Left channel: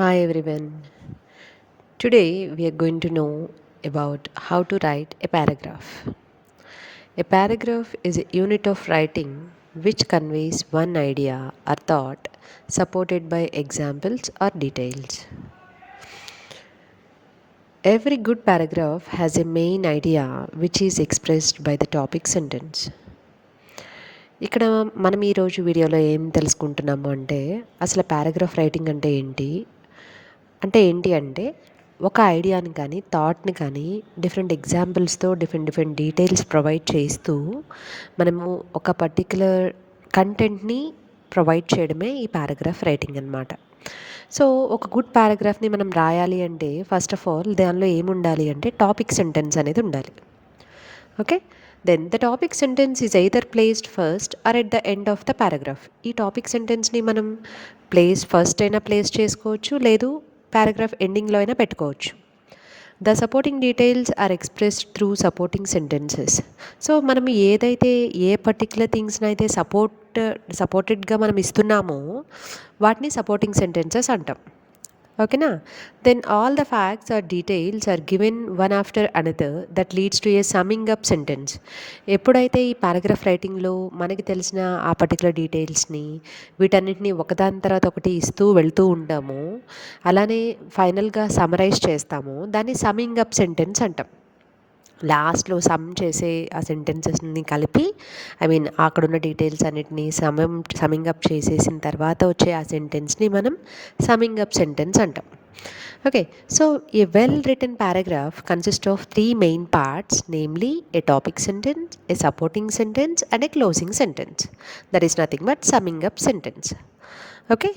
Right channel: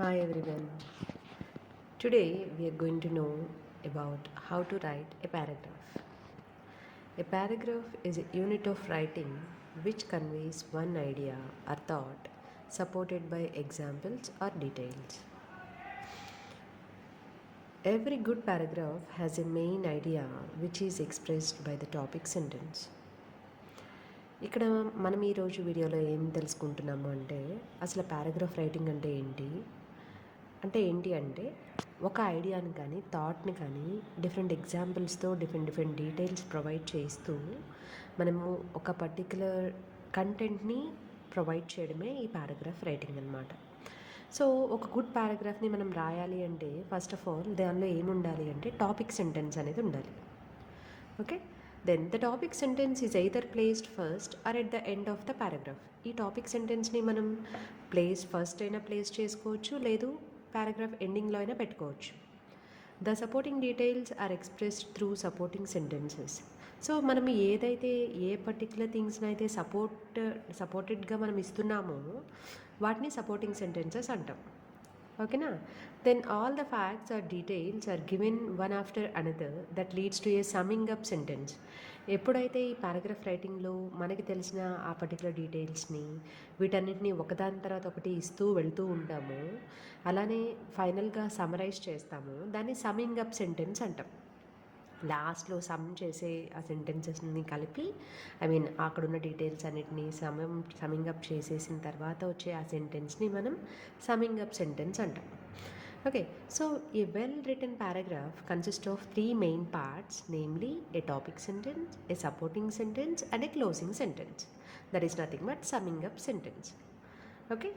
Hi everyone. Today we are going to know about how to write a paragraph. A paragraph is a unit of writing which conveys one idea or thought supported by examples or details. Every good paragraph has a main idea which is expressed by the topic sentence. ఇక్కడ మనం ఈరోజు వీడియోలో ఏం తెలుసుకుంటున్నాము అంటే అసలు paragraph writing అంటే ఏంటి అంటే ఒక ఐడియాని కానీ థాట్ని కానీ డిఫరెంట్ ఎగ్జాంపుల్స్తో డిఫరెంట్ డీటెయిల్స్ ప్రొవైడ్ చేస్తూ మనము ఒక పర్టిక్యులర్ కంటెంట్ని ప్రొవైడ్ చేయడమే ఈ పారాగ్రాఫ్ రైటింగ్ అనమాట. సో ఒక గుడ్ పారాగ్రాఫ్ని మనం రాయాలి అంటే ఫస్ట్ ఆఫ్ ఆల్ దానిలో ఏముండాలి అంటే టాపిక్ సెంటెన్స్ అనేది ఉండాలి. Okay, then the topic sentence is either placed first or at the end of the paragraph. ఈ టాపిక్ సెంటెన్స్ని మనం ఫస్ట్ అయినా ప్లేస్ చేసుకోవచ్చు, లేదు పారాగ్రాఫ్ ఎండింగ్లో అయినా పెట్టుకోవచ్చు. The supporting details are expressed through supporting sentences. So మనం ఏదైతే ఏ పర్టిక్యులర్ థింగ్స్ని అయితే సపోర్టెడ్గా మనం ఇస్తున్నామో వాటిని సపోర్టింగ్ సెంటెన్సెస్ అంటాం. ఓకేనా? Then all the facts or details are given one after another that leads to a summing up sentence. ఎప్పుడైతే ఈ పారాగ్రాఫ్ రైటింగ్లో మనకి తెలిసిన ఆ పర్టికులర్ డీటెయిల్స్ని వీటన్నిటిని ఒకదాని తర్వాత ఒకటి ఇస్తూ వెళ్తూ ఉంటామో, అలానే ఫైనల్గా సమరైజ్ చేస్తామో దాన్ని సమ్మింగ్ అప్ సెంటెన్స్ అంటాం. లాస్ట్లో సమ్ చేసే ఆ సెంటెన్సెస్ని కలిపి అక్కడున్న డీటెయిల్స్ అన్నిటినీ సమ్మింగ్ అప్ చేసేసిన తర్వాత వచ్చే ఆ సెంటెన్స్ని మనం సమ్మింగ్ అప్ సెంటెన్స్ అంటాం. Okay, so a well written paragraph consist of 3 main parts, namely a topic sentence, a supporting sentence and a closing sentence. That is nothing but summing up sentence. Okay,